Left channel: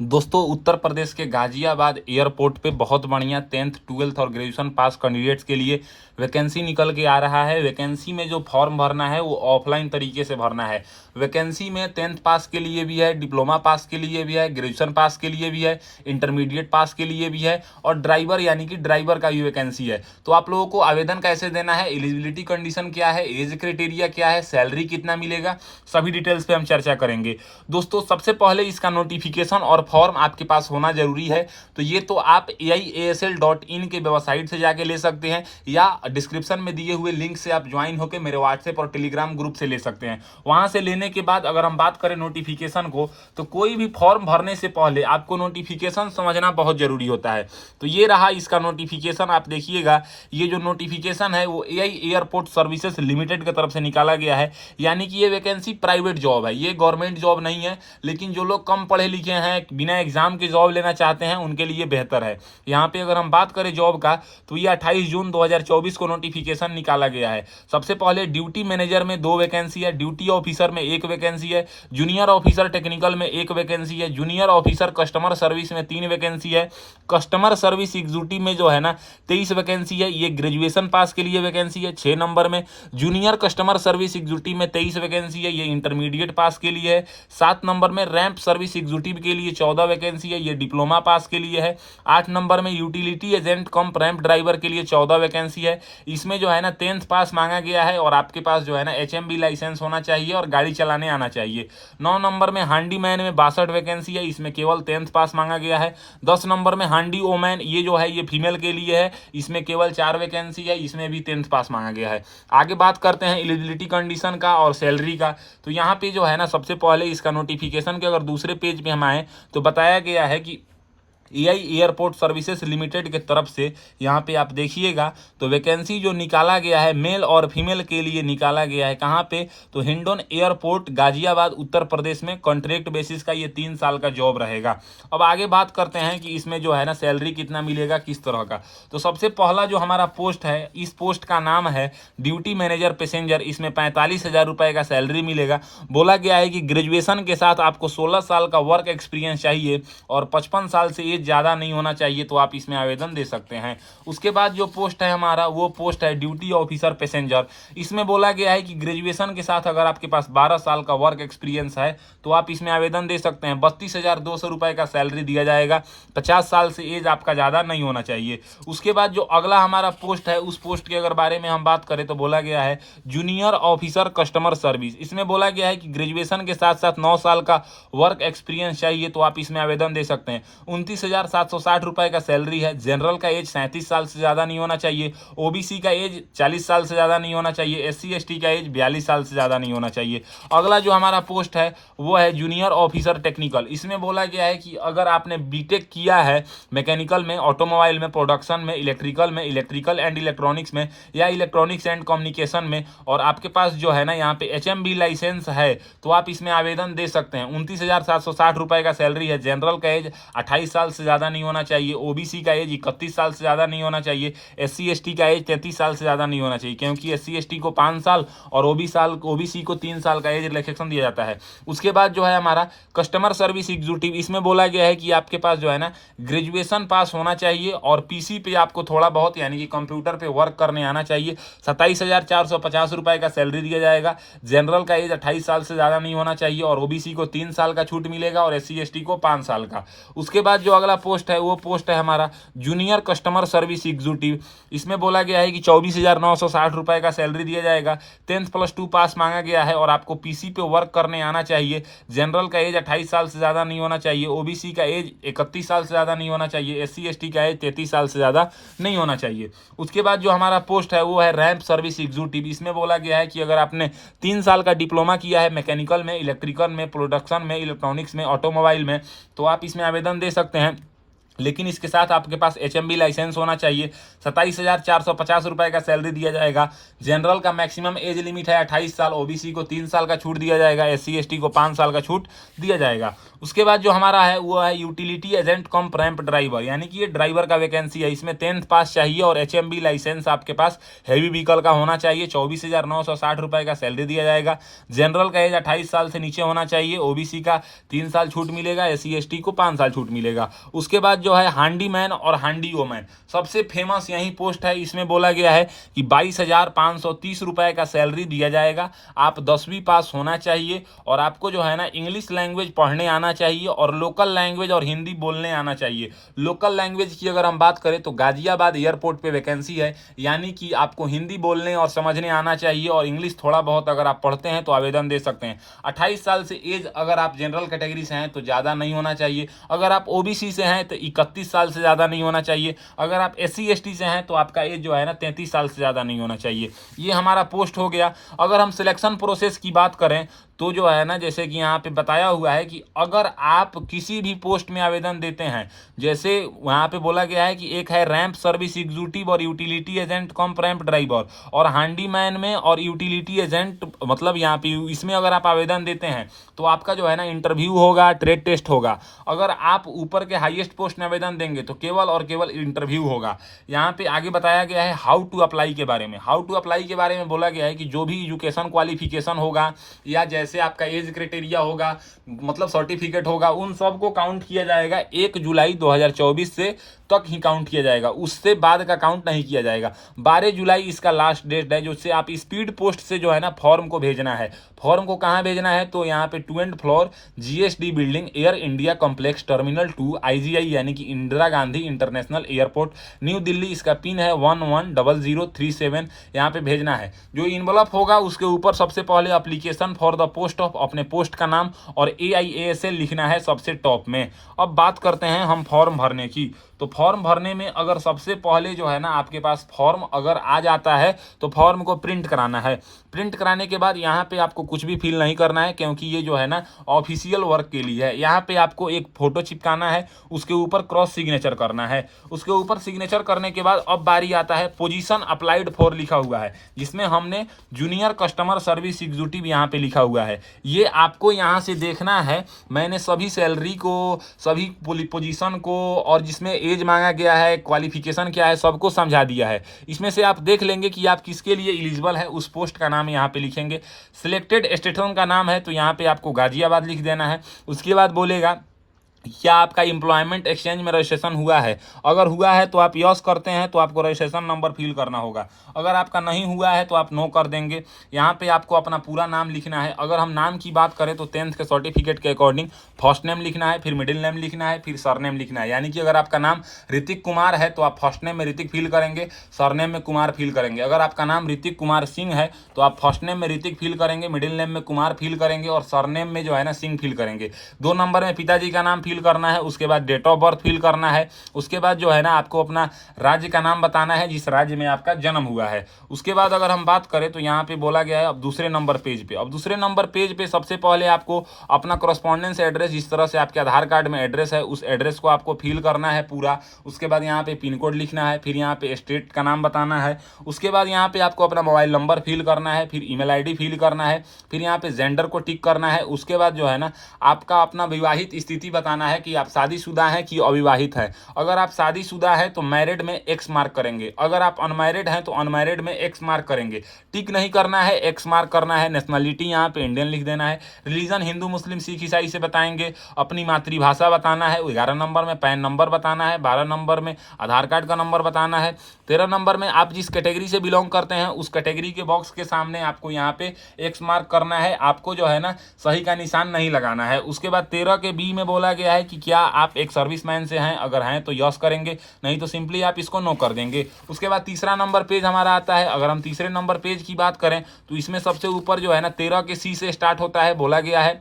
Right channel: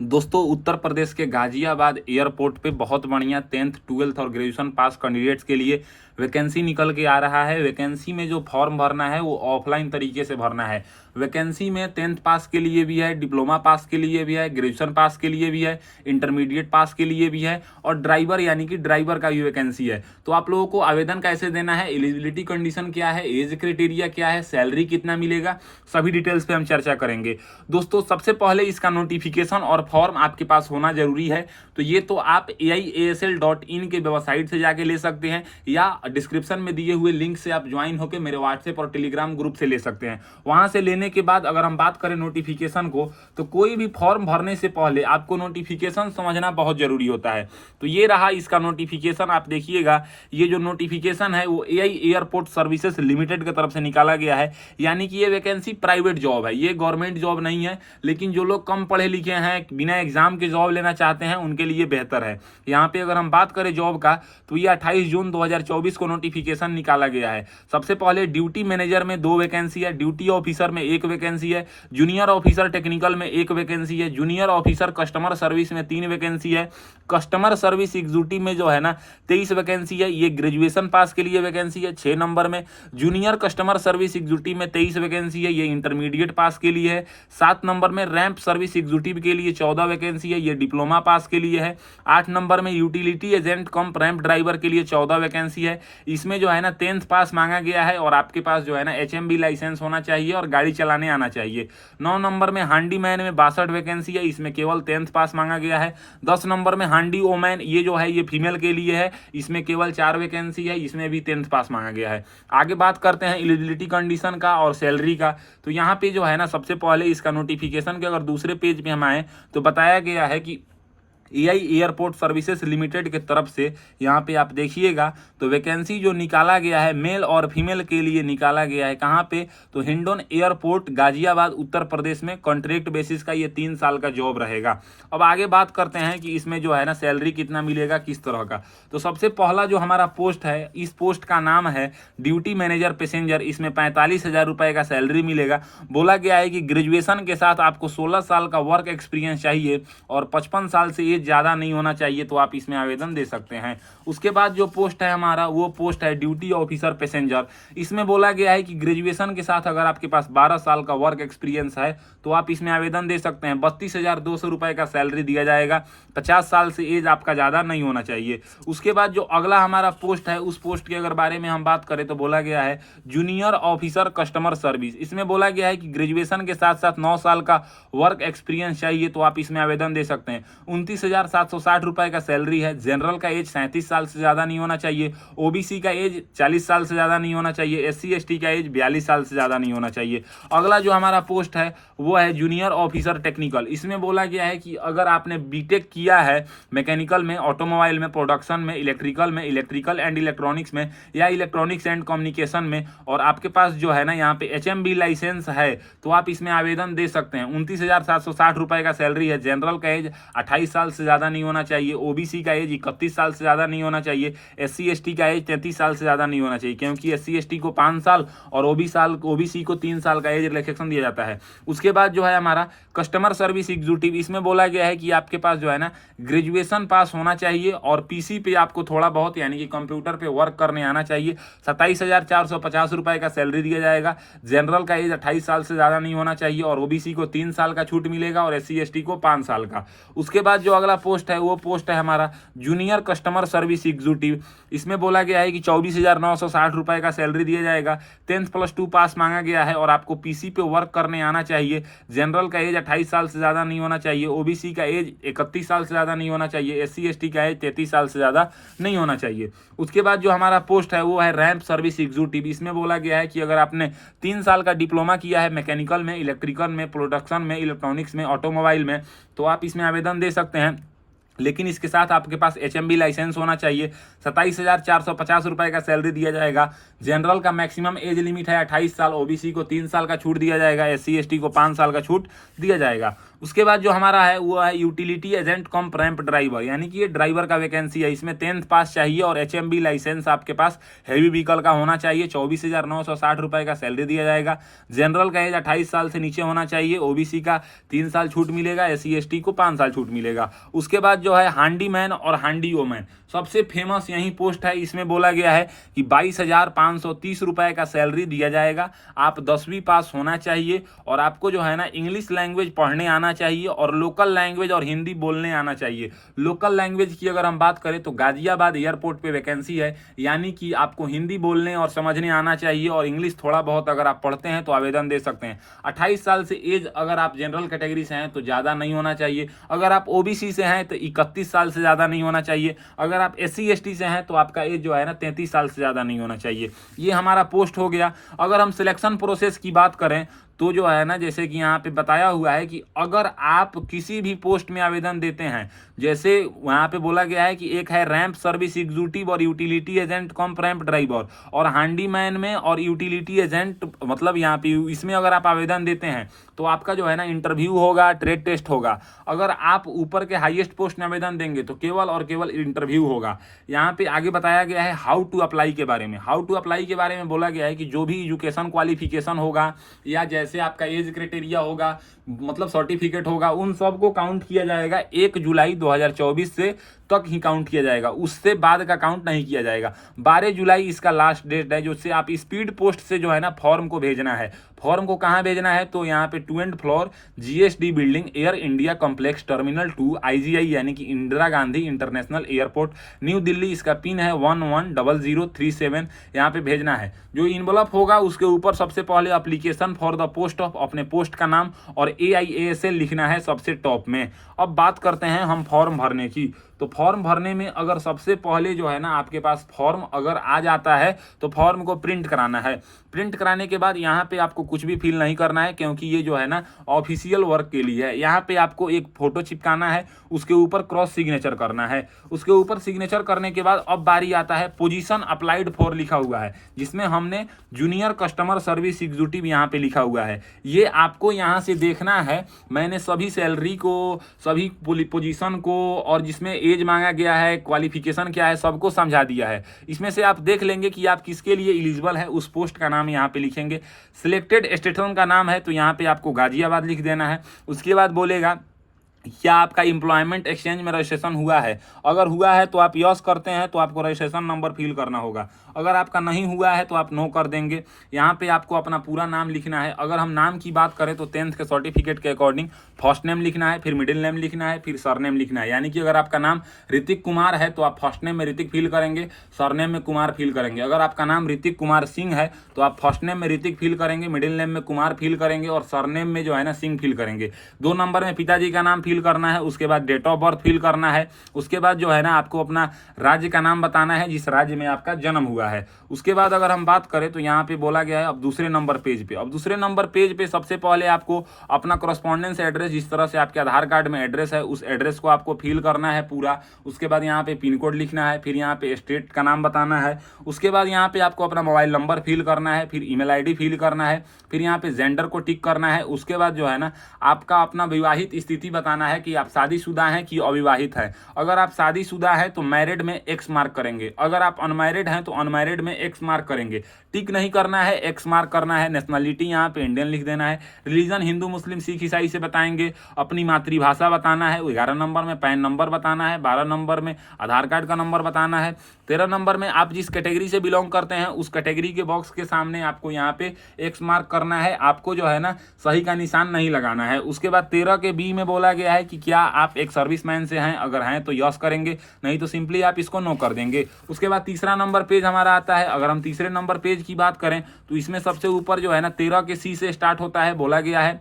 दोस्तों, उत्तर प्रदेश के गाजियाबाद एयरपोर्ट पे बहुत बढ़िया 10th 12th और ग्रेजुएशन पास कैंडिडेट्स के लिए वैकेंसी निकल के आ रहा है। वैकेंसी में जो फॉर्म भरना है वो ऑफलाइन तरीके से भरना है। वैकेंसी में 10th पास के लिए भी है, डिप्लोमा पास के लिए भी है, ग्रेजुएशन पास के लिए भी है, इंटरमीडिएट पास के लिए भी है और ड्राइवर यानी कि ड्राइवर का भी वैकेंसी है। तो आप लोगों को आवेदन कैसे देना है, एलिजिबिलिटी कंडीशन क्या है, एज क्राइटेरिया क्या है, सैलरी कितना मिलेगा, सभी डिटेल्स पे हम चर्चा करेंगे। दोस्तों, सबसे पहले इसका नोटिफिकेशन और फॉर्म आपके पास होना जरूरी है। तो ये तो आप AIASL.in के वेबसाइट से जाके ले सकते हैं या डिस्क्रिप्शन में दिए हुए लिंक से आप ज्वाइन होकर मेरे व्हाट्सएप और टेलीग्राम ग्रुप से ले सकते हैं। वहां से लेने के बाद अगर हम बात करें नोटिफिकेशन को, तो कोई भी फॉर्म भरने से पहले आपको नोटिफिकेशन समझना बहुत जरूरी होता है। तो ये रहा इसका नोटिफिकेशन, आप देखिएगा। ये जो नोटिफिकेशन है वो AI एयरपोर्ट सर्विसेज लिमिटेड की तरफ से निकाला गया है, यानी कि ये वैकेंसी प्राइवेट जॉब है, ये गवर्नमेंट जॉब नहीं है। लेकिन जो लोग कम पढ़े लिखे हैं, बिना एग्जाम के जॉब लेना चाहते हैं, उनके लिए बेहतर है। यहाँ पे अगर हम बात करें जॉब का, तो ये 28 जून 2024 को नोटिफिकेशन निकाला गया है। सबसे पहले ड्यूटी मैनेजर में 2 वैकेंसी है, ड्यूटी ऑफिसर में 1 वैकेंसी है, जूनियर ऑफिसर टेक्निकल में 1 वैकेंसी है, जूनियर ऑफिसर कस्टमर सर्विस में 3 वैकेंसी है, कस्टमर सर्विस एग्जीक्यूटिव में जो है ना 23 वैकेंसी है। ये ग्रेजुएशन पास के लिए वैकेंसी है 6 नंबर में। जूनियर कस्टमर सर्विस एग्जीक्यूटिव में 23 वैकेंसी है, ये इंटरमीडिएट पास के लिए है। 7 नंबर में रैंप सर्विस एग्जीक्यूटिव के लिए 14 वैकेंसी है, ये डिप्लोमा पास के लिए है। 8 नंबर में यूटिलिटी एजेंट कम रैंप ड्राइवर के लिए 14 वैकेंसी है। इसमें जो है ना 10th पास मांगा गया है और आपके पास जो है ना HMB लाइसेंस होना चाहिए और गाड़ी चलाने आना चाहिए। 9 नंबर में हांडी मैन में 62 वैकेंसी है, इसमें केवल 10th पास मांगा गया है। 10 नंबर में हांडी वोमैन, ये जो है ये फीमेल के लिए है, इसमें केवल 4 वैकेंसी है, इसमें भी 10th पास मांगा गया है। आगे बात करते हैं एलिजिबिलिटी कंडीशन का और सैलरी का। तो यहाँ पे जो है ना सबसे पहले इसका नोटिफिकेशन के अगर दूसरे पेज पे हम आए तो बताया गया है कि AI एयरपोर्ट सर्विसेज लिमिटेड के तरफ से यहाँ पे आप देखिएगा तो वैकेंसी जो निकाला गया है मेल और फीमेल के लिए निकाला गया है। कहाँ पे? तो हिंडोन एयरपोर्ट गाजियाबाद उत्तर प्रदेश में कॉन्ट्रैक्ट बेसिस का ये 3 साल का जॉब रहेगा। अब आगे बात करते हैं कि इसमें जो है ना सैलरी कितना मिलेगा, किस तरह का। तो सबसे पहला जो हमारा पोस्ट है, इस पोस्ट का नाम है ड्यूटी मैनेजर पैसेंजर। इसमें 45,000 रुपए का सैलरी मिलेगा। बोला गया है कि ग्रेजुएशन के साथ आपको 16 साल का वर्क एक्सपीरियंस चाहिए और 55 साल से ज्यादा नहीं होना चाहिए, तो आप इसमें आवेदन दे सकते हैं। उसके बाद जो पोस्ट है हमारा, वो पोस्ट है ड्यूटी ऑफिसर पैसेंजर। इसमें बोला गया है कि ग्रेजुएशन के साथ अगर आपके पास 12 साल का वर्क एक्सपीरियंस है तो आप इसमें आवेदन दे सकते हैं। 32,200 रुपए का सैलरी दिया जाएगा। 50 साल से एज आपका ज्यादा नहीं होना चाहिए। उसके बाद जो अगला हमारा पोस्ट है, उस पोस्ट के अगर बारे में हम बात करें तो बोला गया है जूनियर ऑफिसर कस्टमर सर्विस। इसमें बोला गया है कि ग्रेजुएशन के साथ साथ 9 साल का वर्क एक्सपीरियंस चाहिए, तो आप इसमें आवेदन दे सकते हैं। 29,760 रुपए का सैलरी है। जनरल का एज 37 साल से ज्यादा नहीं होना चाहिए। ओबीसी का एज 40 साल से ज्यादा नहीं होना चाहिए। SC ST का एज 42 साल से ज्यादा नहीं होना चाहिए। अगला जो हमारा पोस्ट है वो है जूनियर ऑफिसर टेक्निकल। इसमें बोला गया है कि अगर आपने बीटेक किया है मैकेनिकल में, ऑटोमोबाइल में, प्रोडक्शन में, इलेक्ट्रिकल एंड इलेक्ट्रॉनिक्स में या इलेक्ट्रॉनिक्स एंड कम्युनिकेशन में, और आपके पास जो है ना यहाँ पे HMB लाइसेंस है, तो आप इसमें आवेदन दे सकते हैं। 29,760 रुपए का सैलरी है। जनरल का एज 28 साल से ज्यादा नहीं होना चाहिए। ओबीसी का एज 31 साल से ज्यादा नहीं होना चाहिए। SC ST का एज 33 साल से ज्यादा नहीं होना चाहिए, क्योंकि SC ST को 5 साल और ओबीसी को 3 साल का एज रिलैक्सेशन दिया जाता है। उसके बाद जो है हमारा कस्टमर सर्विस एग्जीक्यूटिव। इसमें बोला गया है कि आपके पास जो है ना ग्रेजुएशन पास होना चाहिए और PC पे आपको थोड़ा बहुत यानी कि कंप्यूटर पे वर्क करने आना चाहिए। 27,450 रुपए का सैलरी दिया जाएगा। जनरल का एज 28 साल से ज्यादा नहीं होना चाहिए और ओबीसी को 3 साल का छूट मिलेगा और SC ST को 5 साल का। उसके बाद जो अगला पोस्ट है वो पोस्ट है हमारा जूनियर कस्टमर सर्विस एग्जीक्यूटिव। इसमें बोला गया है कि 24,960 रुपए का सैलरी दिया जाएगा। 10th + 2 पास मांगा गया है और आपको PC पे वर्क करने आना चाहिए। जनरल का एज 28 साल से ज्यादा नहीं होना चाहिए। ओबीसी का एज 31 साल से ज्यादा नहीं होना चाहिए। SC ST का एज 33 साल से ज्यादा नहीं होना चाहिए। उसके बाद जो हमारा पोस्ट है वो है रैंप सर्विस एग्जीक्यूटिव। इसमें बोला गया है कि अगर आपने 3 साल का डिप्लोमा किया है मैकेनिकल में, इलेक्ट्रिकल में, प्रोडक्शन में, इलेक्ट्रॉनिक्स में, ऑटोमोबाइल में, तो आप इसमें आवेदन दे सकते हैं। लेकिन इसके साथ आपके पास HMB लाइसेंस होना चाहिए। 27,450 रुपए का सैलरी दिया जाएगा। जनरल का मैक्सिमम एज लिमिट है 28 साल। ओबीसी को 3 साल का छूट दिया जाएगा। SC ST को 5 साल का छूट दिया जाएगा। उसके बाद जो हमारा है वो है यूटिलिटी एजेंट कम रैंप ड्राइवर, यानी कि ये ड्राइवर का वैकेंसी है। इसमें 10th पास चाहिए और HMB लाइसेंस आपके पास हेवी व्हीकल का होना चाहिए। 24,960 रुपए का सैलरी दिया जाएगा। जनरल का एज 28 साल से नीचे होना चाहिए। OBC का 3 साल छूट मिलेगा। SC ST को 5 साल छूट मिलेगा। उसके बाद जो है हांडी मैन और हांडी वोमैन, सबसे फेमस यही पोस्ट है। इसमें बोला गया है कि 22,530 रुपए का सैलरी दिया जाएगा। आप 10वीं पास होना चाहिए और आपको जो है ना इंग्लिश लैंग्वेज पढ़ने आना चाहिए और लोकल लैंग्वेज और हिंदी बोलने आना चाहिए। लोकल लैंग्वेज की अगर हम बात करें तो गाजियाबाद एयरपोर्ट पे वैकेंसी है, यानी कि आपको हिंदी बोलने और समझने आना चाहिए और इंग्लिश थोड़ा बहुत अगर आप पढ़ते हैं तो आवेदन दे सकते हैं। 28 साल से एज अगर आप जनरल कैटेगरी से हैं तो ज़्यादा नहीं होना चाहिए। अगर आप OBC से हैं तो 31 साल से ज़्यादा नहीं होना चाहिए। अगर आप SC ST से हैं तो आपका एज जो है ना 33 साल से ज़्यादा नहीं होना चाहिए। ये हमारा पोस्ट हो गया। अगर हम सिलेक्शन प्रोसेस की बात करें तो जो है ना, जैसे कि यहाँ पे बताया हुआ है कि अगर आप किसी भी पोस्ट में आवेदन देते हैं, जैसे वहाँ पे बोला गया है कि एक है रैंप सर्विस एग्जीक्यूटिव और यूटिलिटी एजेंट कम रैंप ड्राइवर, और हैंडीमैन में और यूटिलिटी एजेंट, मतलब यहाँ पे इसमें अगर आप आवेदन देते हैं तो आपका जो है ना इंटरव्यू होगा, ट्रेड टेस्ट होगा। अगर आप ऊपर के हाईएस्ट पोस्ट में आवेदन देंगे तो केवल और केवल इंटरव्यू होगा। यहाँ पे आगे बताया गया है हाउ टू अप्लाई के बारे में। हाउ टू अप्लाई के बारे में बोला गया है कि जो भी एजुकेशन क्वालिफिकेशन होगा या जैसे आपका एज क्राइटेरिया होगा, मतलब सर्टिफिकेट होगा, उन सब को काउंट किया जाएगा 1 जुलाई 2024 से तक ही काउंट किया जाएगा। उससे बाद का काउंट नहीं किया जाएगा। 12 जुलाई इसका लास्ट डेट है, जिससे आप स्पीड पोस्ट से जो है ना फॉर्म को भेजना है। फॉर्म को कहाँ भेजना है तो यहाँ पे 2nd floor GSD building, air India complex, terminal 2, IGI यानी कि Indira Gandhi international airport, new Delhi. इसका पिन है 110037। यहाँ पे भेजना है। जो इन्वलप होगा उसके ऊपर सबसे पहले application for the post of, अपने पोस्ट का नाम और AIASL लिखना है सबसे टॉप में। अब बात करते हैं हम फॉर्म भरने की। तो फॉर्म भरने में अगर सबसे पहले जो है ना आपके पास फॉर्म अगर आ जाता है तो फॉर्म को प्रिंट कराना है। प्रिंट कराने के बाद यहाँ पे आपको कुछ भी फिल नहीं करना है, क्योंकि ये जो है ना ऑफिशियल वर्क के लिए है। यहाँ पे आपको एक फोटो चिपकाना है, उसके ऊपर क्रॉस सिग्नेचर करना है। उसके ऊपर सिग्नेचर करने के बाद अब बारी आता है पोजीशन अप्लाइड फॉर लिखा हुआ है, जिसमें हमने जूनियर कस्टमर सर्विस एग्जीक्यूटिव यहाँ पे लिखा हुआ है। ये आपको यहाँ से देखना है। मैंने सभी सैलरी को, सभी पोजीशन को और जिसमें एज मांगा गया है, क्वालिफिकेशन क्या है, सबको समझा दिया है। इसमें से आप देख लेंगे कि आप किसके लिए एलिजिबल है। उस पोस्ट का नाम यहाँ पे लिखेंगे। सिलेक्टेड स्टेशन का नाम है तो यहाँ पे आपको गाजियाबाद लिख देना है। उसके बाद बोलेगा क्या आपका एम्प्लॉयमेंट एक्सचेंज में रजिस्ट्रेशन हुआ है। अगर हुआ है तो आप यस करते हैं तो आपको रजिस्ट्रेशन नंबर फिल करना होगा। अगर आपका नहीं हुआ है तो आप नो कर देंगे। यहाँ पे आपको अपना पूरा नाम लिखना है। अगर हम नाम की बात करें तो 10th के सर्टिफिकेट के अकॉर्डिंग फर्स्ट नेम लिखना है, फिर मिडिल नेम लिखना है, फिर सरनेम लिखना है। यानी कि अगर आपका नाम ऋतिक कुमार है तो आप फर्स्ट नेम में ऋतिक फिल करेंगे, सरनेम में कुमार फिल करेंगे। अगर आपका नाम ऋतिक कुमार सिंह है तो आप फर्स्ट नेम में ऋतिक फिल करेंगे, मिडिल नेम में कुमार फिल करेंगे और सरनेम में जो है ना सिंह फिल करेंगे। 2 नंबर में पिताजी का नाम फिल करना है। उसके बाद डेट ऑफ बर्थ फिल करना है। उसके बाद जो है ना आपको अपना राज्य का नाम बताना है, जिस राज्य में आपका जन्म हुआ है। उसके बाद अगर हम बात करें तो यहाँ पे बोला गया है अब दूसरे नंबर पेज पे। अब दूसरे नंबर पेज पे सबसे पहले आपको अपना कॉरेस्पॉन्डेंस एड्रेस, जिस तरह से आपके आधार कार्ड में एड्रेस है, उस एड्रेस को आपको फिल करना है पूरा। उसके बाद यहाँ पे पिन कोड लिखना है, फिर यहाँ पे स्टेट का नाम बताना है। उसके बाद यहाँ पे आपको अपना मोबाइल नंबर फिल करना है, फिर ईमेल ID फिल करना है, फिर यहाँ पे जेंडर को टिक करना है। उसके बाद जो है ना आपका अपना विवाहित स्थिति बताना है कि आप शादीशुदा हैं कि अविवाहित हैं। अगर आप शादीशुदा है तो मैरिड में X मार्क करेंगे। अगर आप अनमैरिड हैं तो अनमैरिड में X मार्क करेंगे। टिक नहीं करना है, X मार्क करना है। नेशनलिटी यहाँ पे इंडियन लिख देना है। रिलीजन हिंदू मुस्लिम सिख ईसाई से बताएंगे। अपनी मातृभाषा बताना है। 11 नंबर में पैन नंबर बताना है। 12 नंबर में आधार कार्ड का नंबर बताना है। 13 नंबर में आप जिस कैटेगरी से बिलोंग करते हैं उस कैटेगरी के बॉक्स के सामने आपको यहाँ पे X मार्क करना है। आपको जो है ना सही का निशान नहीं लगाना है। उसके बाद 13 के B में बोला गया है कि क्या आप एक सर्विसमैन से हैं। अगर हैं तो यस करेंगे, नहीं तो सिंपली आप इसको नो कर देंगे। उसके बाद तीसरा नंबर पेज हमारा आता है। अगर हम तीसरे नंबर पेज की बात करें तो इसमें सबसे ऊपर जो है ना 13 के C से स्टार्ट होता है। बोला गया है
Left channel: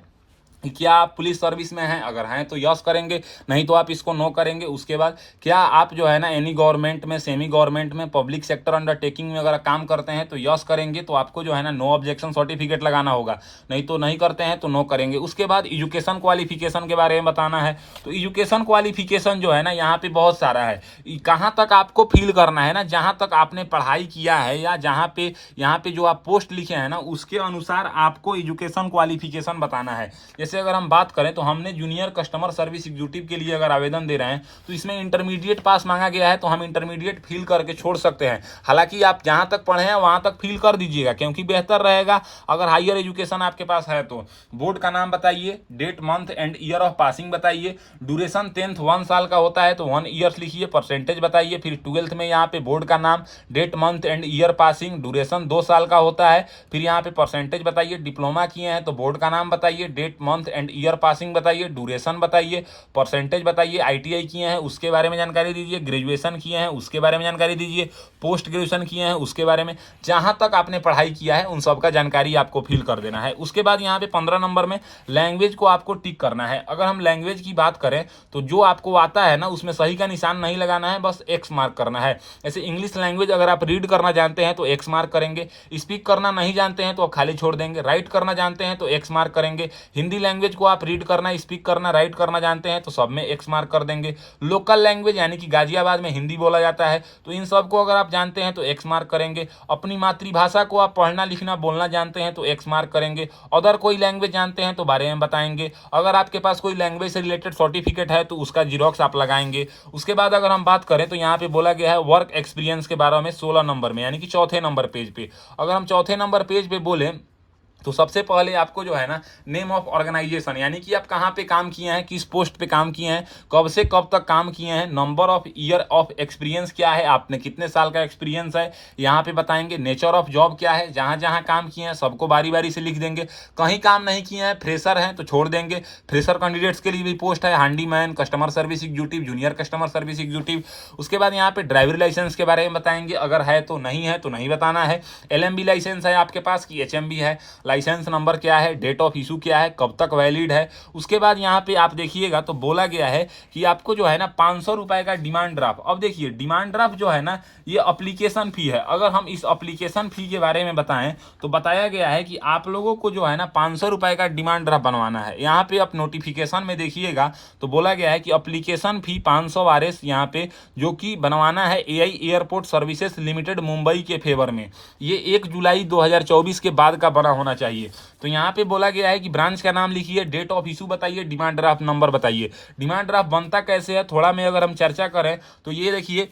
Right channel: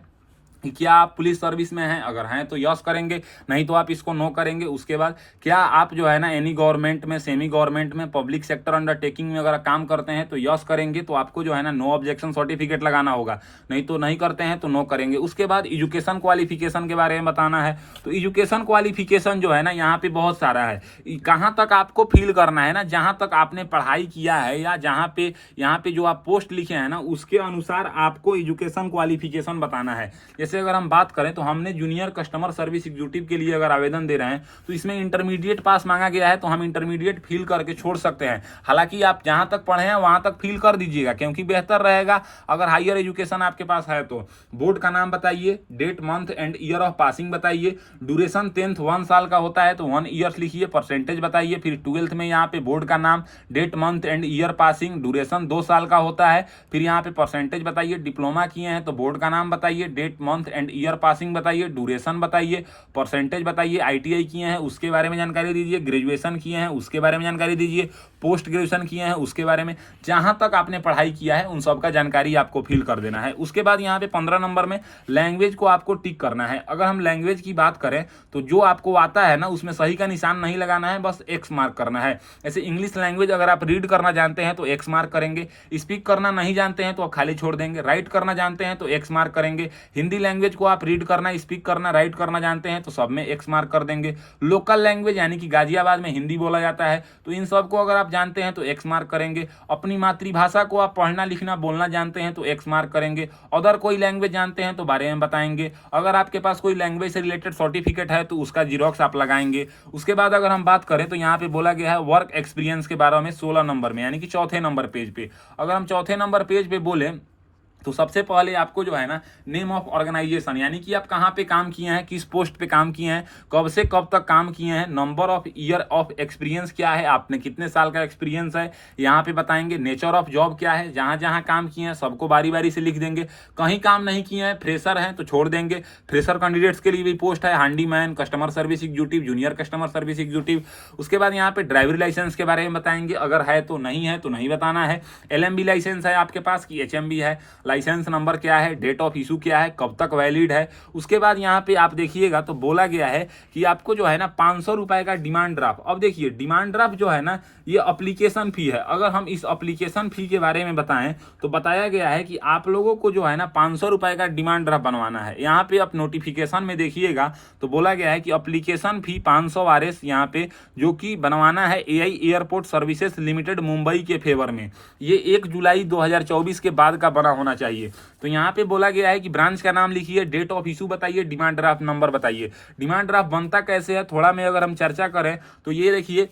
क्या आप पुलिस सर्विस में हैं। अगर हैं तो यस करेंगे, नहीं तो आप इसको नो करेंगे। उसके बाद क्या आप जो है ना एनी गवर्नमेंट में, सेमी गवर्नमेंट में, पब्लिक सेक्टर अंडरटेकिंग में अगर काम करते हैं तो यस करेंगे, तो आपको जो है ना नो ऑब्जेक्शन सर्टिफिकेट लगाना होगा। नहीं तो नहीं करते हैं तो नो करेंगे। उसके बाद एजुकेशन क्वालिफिकेशन के बारे में बताना है। तो एजुकेशन क्वालिफिकेशन जो है ना यहाँ पे बहुत सारा है। कहाँ तक आपको फिल करना है ना, जहाँ तक आपने पढ़ाई किया है या जहाँ पे यहाँ पे जो आप पोस्ट लिखे हैं ना उसके अनुसार आपको एजुकेशन क्वालिफिकेशन बताना है। जैसे अगर हम बात करें तो हमने जूनियर कस्टमर सर्विस एग्जीक्यूटिव के लिए अगर आवेदन दे रहे हैं तो इसमें इंटरमीडिएट पास मांगा गया है, तो हम इंटरमीडिएट फिल करके छोड़ सकते हैं। हालांकि आप जहां तक पढ़े हैं वहां तक फिल कर दीजिएगा, क्योंकि बेहतर रहेगा अगर हायर एजुकेशन आपके पास है तो। बोर्ड का नाम बताइए, date month and year of passing बताइए, ड्यूरेशन 10th 1 साल का होता है तो 1 ईयर्स लिखिए, परसेंटेज बताइए। फिर 12th में यहाँ पे बोर्ड का नाम, date month and year passing, duration 2 साल का होता है, फिर यहाँ पे परसेंटेज बताइए। डिप्लोमा किए हैं तो बोर्ड का नाम बताइए, date month and year passing बताइए, ड्यूरेशन बताइए, परसेंटेज बताइए। आईटीआई किए हैं उसके बारे में जानकारी दीजिए, ग्रेजुएशन किए हैं उसके बारे में जानकारी दीजिए, पोस्ट ग्रेजुएशन किए हैं उसके बारे में, जहां तक आपने पढ़ाई किया है उन सब का जानकारी आपको फिल कर देना है। उसके बाद यहाँ पे 15 नंबर में लैंग्वेज को आपको टिक करना है। अगर हम लैंग्वेज की बात करें तो जो आपको आता है ना उसमें सही का निशान नहीं लगाना है, बस एक्स मार्क करना है। जैसे इंग्लिश लैंग्वेज अगर आप रीड करना जानते हैं तो एक्स मार्क करेंगे, स्पीक करना नहीं जानते हैं तो आप खाली छोड़ देंगे, राइट करना जानते हैं तो एक्स मार्क करेंगे। हिंदी लैंग्वेज को आप रीड करना, स्पीक करना, राइट करना जानते हैं तो सब में एक्स मार्क कर देंगे। लोकल लैंग्वेज यानी कि गाजियाबाद में हिंदी बोला जाता है तो इन सब को अगर आप जानते हैं तो एक्स मार्क करेंगे। अपनी मातृभाषा को आप पढ़ना लिखना बोलना जानते हैं तो एक्स मार्क करेंगे। अदर कोई लैंग्वेज जानते हैं तो बारे में बताएंगे। अगर आपके पास कोई लैंग्वेज से रिलेटेड सर्टिफिकेट है तो उसका जीरोक्स आप लगाएंगे। उसके बाद अगर हम बात करें तो यहाँ पे बोला गया है वर्क एक्सपीरियंस के बारे में 16 नंबर में, यानी कि चौथे नंबर पेज पे। अगर हम चौथे नंबर पेज पे बोले तो सबसे पहले आपको जो है ना नेम ऑफ ऑर्गेनाइजेशन, यानी कि आप कहाँ पे काम किए हैं, किस पोस्ट पे काम किए हैं, कब से कब तक काम किए हैं, number of year of experience क्या है, आपने कितने साल का एक्सपीरियंस है यहाँ पे बताएंगे। नेचर ऑफ जॉब क्या है, जहाँ जहाँ काम किए हैं सबको बारी बारी से लिख देंगे। कहीं काम नहीं किए हैं, फ्रेशर हैं तो छोड़ देंगे। फ्रेशर कैंडिडेट्स के लिए भी पोस्ट है, handyman, customer service executive, junior customer service executive. उसके बाद यहाँ पे ड्राइवरी लाइसेंस के बारे में बताएंगे, अगर है तो नहीं बताना है। LMB लाइसेंस है आपके पास कि HMB है, लाइसेंस नंबर क्या है, डेट ऑफ इशू क्या है, कब तक वैलिड है। उसके बाद यहाँ पे आप देखिएगा तो बोला गया है कि आपको जो है ना 500 रुपए का डिमांड ड्राफ्ट। अब देखिए डिमांड ड्राफ्ट जो है ना ये अप्लीकेशन फी है। अगर हम इस अप्लीकेशन फी के बारे में बताएं तो बताया गया है कि आप लोगों को जो है ना 500 रुपए का डिमांड ड्राफ्ट बनवाना है। यहाँ पे आप नोटिफिकेशन में देखिएगा तो बोला गया है कि अप्लीकेशन फी 500 RS यहाँ पे जो कि बनवाना है AI airport services limited Mumbai के फेवर में। ये 1 जुलाई 2024 के बाद का बना होना चाहिए। तो यहाँ पे बोला गया है कि ब्रांच का नाम लिखिए, डेट ऑफ इशू बताइए, डिमांड ड्राफ्ट नंबर बताइए। डिमांड ड्राफ्ट बनता कैसे है थोड़ा में अगर हम चर्चा करें तो ये देखिए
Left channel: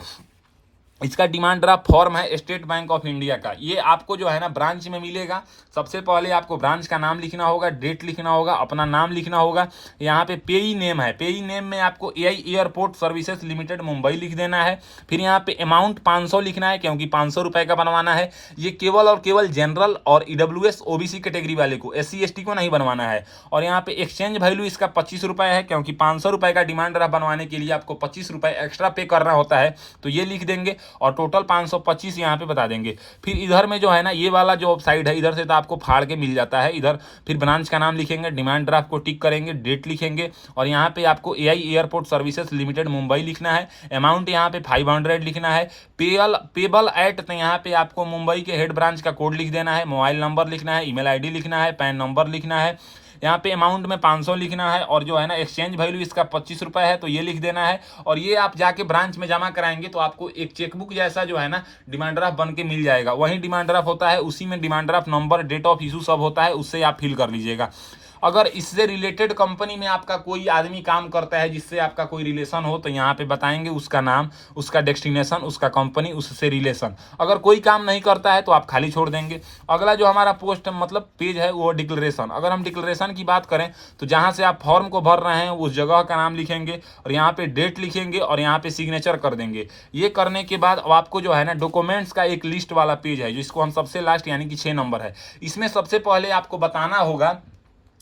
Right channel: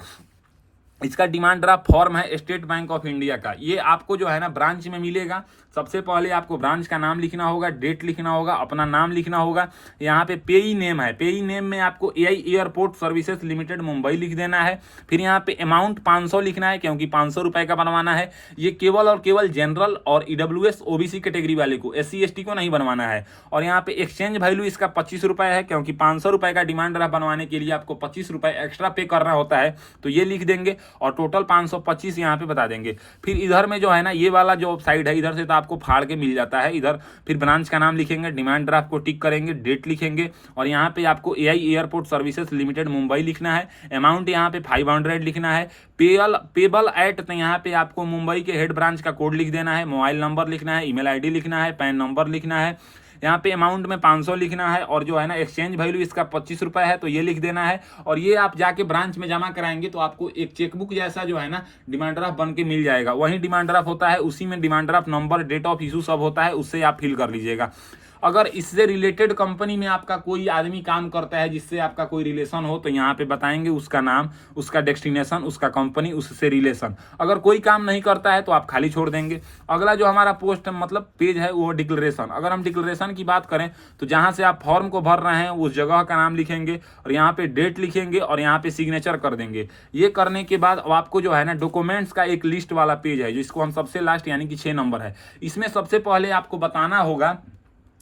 इसका डिमांड ड्राफ्ट फॉर्म है स्टेट बैंक ऑफ इंडिया का। ये आपको जो है ना ब्रांच में मिलेगा। सबसे पहले आपको ब्रांच का नाम लिखना होगा, डेट लिखना होगा, अपना नाम लिखना होगा। यहाँ पे पेई नेम है, पेई नेम में आपको AI airport services limited Mumbai लिख देना है। फिर यहाँ पे अमाउंट 500 लिखना है क्योंकि 500 रुपए का बनवाना है। ये केवल और केवल जनरल और EWS OBC कैटेगरी वाले को, SC ST को नहीं बनवाना है। और यहाँ पे एक्सचेंज वैल्यू इसका 25 रुपए है क्योंकि 500 रुपए का डिमांड ड्राफ्ट बनवाने के लिए आपको 25 रुपए एक्स्ट्रा पे करना होता है, तो ये लिख देंगे और टोटल 525 यहाँ पे बता देंगे। फिर इधर में जो है ना ये वाला जो साइड है इधर से तो आपको फाड़ के मिल जाता है। इधर फिर ब्रांच का नाम लिखेंगे, डिमांड ड्राफ्ट को टिक करेंगे, डेट लिखेंगे और यहाँ पे आपको AI airport services limited Mumbai लिखना है। अमाउंट यहाँ पे 500 लिखना है। पेबल एट, तो यहाँ पे आपको मुंबई के हेड ब्रांच का कोड लिख देना है, मोबाइल नंबर लिखना है, ईमेल ID लिखना है, पैन नंबर लिखना है। यहाँ पे अमाउंट में 500 लिखना है और जो है ना एक्सचेंज वैल्यू इसका 25 रुपए है तो ये लिख देना है। और ये आप जाके ब्रांच में जमा कराएंगे तो आपको एक चेकबुक जैसा जो है ना डिमांड ड्राफ्ट बन के मिल जाएगा। वही डिमांड ड्राफ्ट होता है, उसी में demand draft number, date of issue सब होता है, उससे आप फिल कर लीजिएगा। अगर इससे रिलेटेड कंपनी में आपका कोई आदमी काम करता है जिससे आपका कोई रिलेशन हो तो यहाँ पे बताएंगे उसका नाम, उसका डेस्टिनेशन, उसका कंपनी, उससे रिलेशन। अगर कोई काम नहीं करता है तो आप खाली छोड़ देंगे। अगला जो हमारा पोस्ट मतलब पेज है वो डिक्लेरेशन। अगर हम डिक्लेरेशन की बात करें तो जहाँ से आप फॉर्म को भर रहे हैं उस जगह का नाम लिखेंगे और यहाँ पे डेट लिखेंगे और यहाँ पे सिग्नेचर कर देंगे। ये करने के बाद अब आपको जो है ना डॉक्यूमेंट्स का एक लिस्ट वाला पेज है जिसको हम सबसे लास्ट यानी कि 6 नंबर है, इसमें सबसे पहले आपको बताना होगा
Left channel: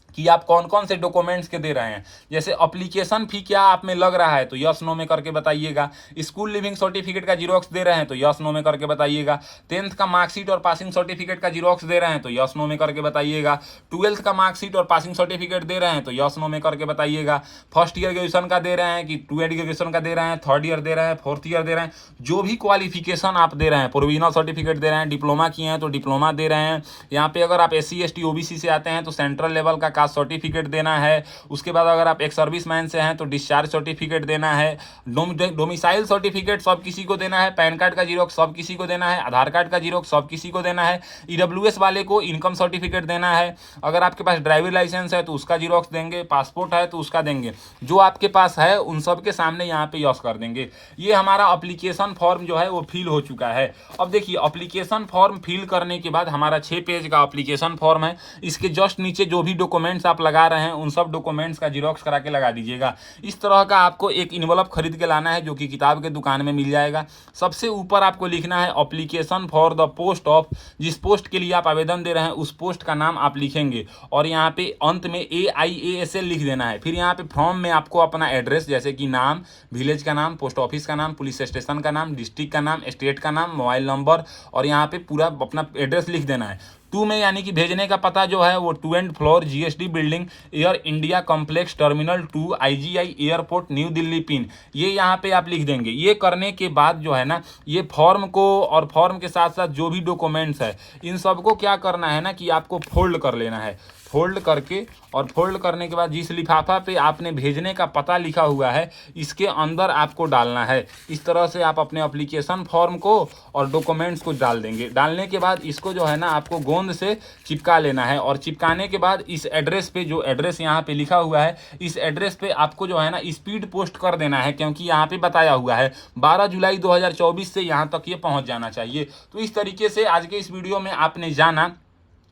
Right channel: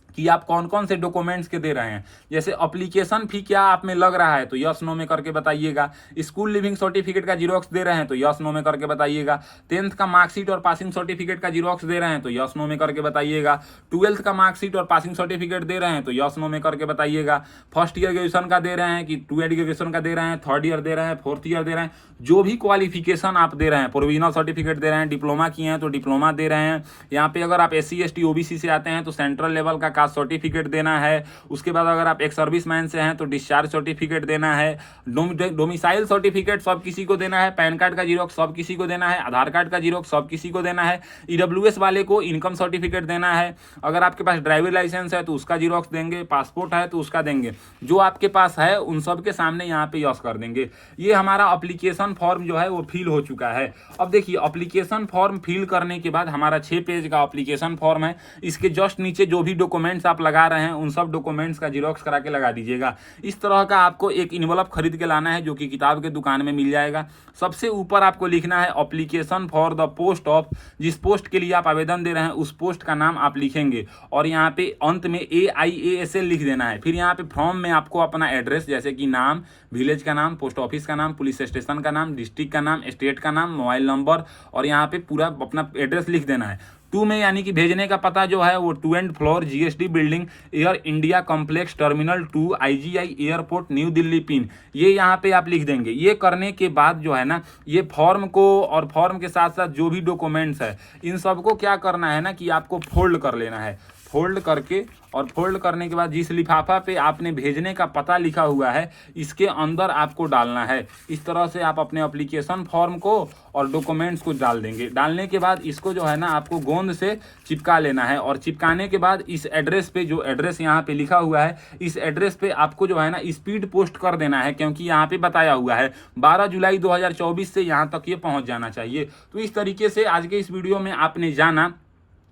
कि आप कौन कौन से डॉक्यूमेंट्स के दे रहे हैं। जैसे एप्लीकेशन फी क्या आप में लग रहा है तो यस नो में करके बताइएगा। स्कूल लिविंग सर्टिफिकेट का जीरोक्स दे रहे हैं तो यस नो में करके बताइएगा। 10th का मार्कशीट और पासिंग सर्टिफिकेट का जीरोक्स दे रहे हैं तो यस नो में करके बताइएगा। 12th का मार्कशीट और पासिंग सर्टिफिकेट दे रहे हैं तो यस नो में करके बताइएगा। फर्स्ट ईयर ग्रेजुएशन का दे रहे हैं कि 2 ईयर ग्रेजुएशन का दे रहे हैं, 3rd ईयर दे रहे हैं, 4th ईयर दे रहे हैं, जो भी क्वालिफिकेशन आप दे रहे हैं। प्रोविजनल सर्टिफिकेट दे रहे हैं, डिप्लोमा किए हैं तो डिप्लोमा दे रहे हैं। यहाँ पे अगर आप SC ST OBC से आते हैं तो सेंट्रल लेवल का कास्ट सर्टिफिकेट देना है। उसके बाद अगर आप एक सर्विसमैन से हैं तो डिस्चार्ज सर्टिफिकेट देना है, डोमिसाइल सर्टिफिकेट सब किसी को देना है, पैन कार्ड का जीरोक्स सब किसी को देना है, आधार कार्ड का जीरोक्स सब किसी को देना है, ईडब्ल्यूएस वाले को इनकम सर्टिफिकेट देना है, अगर आपके पास ड्राइविंग लाइसेंस है तो उसका जीरोक्स देंगे, पासपोर्ट है तो उसका देंगे, जो आपके पास है उन सब के सामने यहाँ पे यस कर देंगे। ये हमारा एप्लीकेशन फॉर्म जो है वो फिल हो चुका है। अब देखिए एप्लीकेशन फॉर्म फिल करने के बाद हमारा 6 पेज का एप्लीकेशन फॉर्म है, इसके जस्ट नीचे जो भी डॉक्यूमेंट्स आप लगा रहे हैं उन सब डॉक्यूमेंट्स का जीरोक्स करा के लगा दीजिएगा। इस तरह का आपको एक इन्वेलप खरीद के लाना है जो कि किताब के दुकान में मिल जाएगा। सबसे ऊपर आपको लिखना है application for the post of, जिस पोस्ट के लिए आप आवेदन दे रहे हैं उस पोस्ट का नाम आप लिखेंगे और यहाँ पे अंत में AIASL लिख देना है। फिर यहाँ पे फॉर्म में आपको अपना एड्रेस जैसे कि नाम, विलेज का नाम, पोस्ट ऑफिस का नाम, पुलिस स्टेशन का नाम, डिस्ट्रिक्ट का नाम, स्टेट का नाम, मोबाइल नंबर और यहाँ पे पूरा अपना एड्रेस लिख देना है। 2 में यानी कि भेजने का पता जो है वो 2 and floor GSD building, air India complex, terminal 2, IGI airport, new Delhi pin, ये यहाँ पे आप लिख देंगे। ये करने के बाद जो है ना ये फॉर्म को और फॉर्म के साथ साथ जो भी डॉक्यूमेंट्स है इन सबको क्या करना है ना कि आपको फोल्ड कर लेना है। फोल्ड करके और फोल्ड करने के बाद जिस लिफाफा पे आपने भेजने का पता लिखा हुआ है इसके अंदर आपको डालना है। इस तरह से आप अपने एप्लीकेशन फॉर्म को और डॉक्यूमेंट्स को डाल देंगे। डालने के बाद इसको जो है ना आपको गोंद से चिपका लेना है और चिपकाने के बाद इस एड्रेस पे, जो एड्रेस यहाँ पे लिखा हुआ है इस एड्रेस पे आपको जो है ना स्पीड पोस्ट कर देना है, क्योंकि यहाँ पे बताया हुआ है 12 जुलाई 2024 से यहाँ तक ये पहुँच जाना चाहिए। तो इस तरीके से आज के इस वीडियो में आपने जाना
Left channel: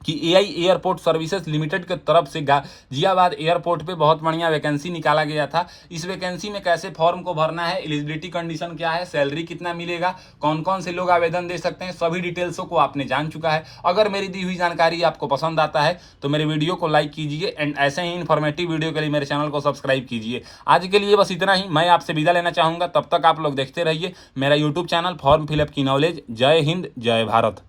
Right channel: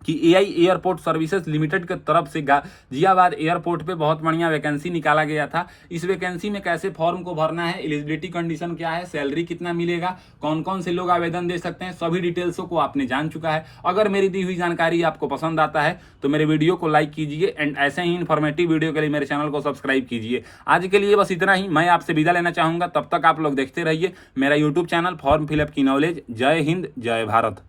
कि AI एयरपोर्ट सर्विसेज लिमिटेड के तरफ से गाजियाबाद एयरपोर्ट पे बहुत बढ़िया वैकेंसी निकाला गया था। इस वैकेंसी में कैसे फॉर्म को भरना है, एलिजिबिलिटी कंडीशन क्या है, सैलरी कितना मिलेगा, कौन कौन से लोग आवेदन दे सकते हैं, सभी डिटेल्सों को आपने जान चुका है। अगर मेरी दी हुई जानकारी आपको पसंद आता है तो मेरे वीडियो को लाइक कीजिए एंड ऐसे ही इन्फॉर्मेटिव वीडियो के लिए मेरे चैनल को सब्सक्राइब कीजिए। आज के लिए बस इतना ही, मैं आपसे विदा लेना चाहूँगा। तब तक आप लोग देखते रहिए मेरा यूट्यूब चैनल फॉर्म फिलअप की नॉलेज। जय हिंद, जय भारत।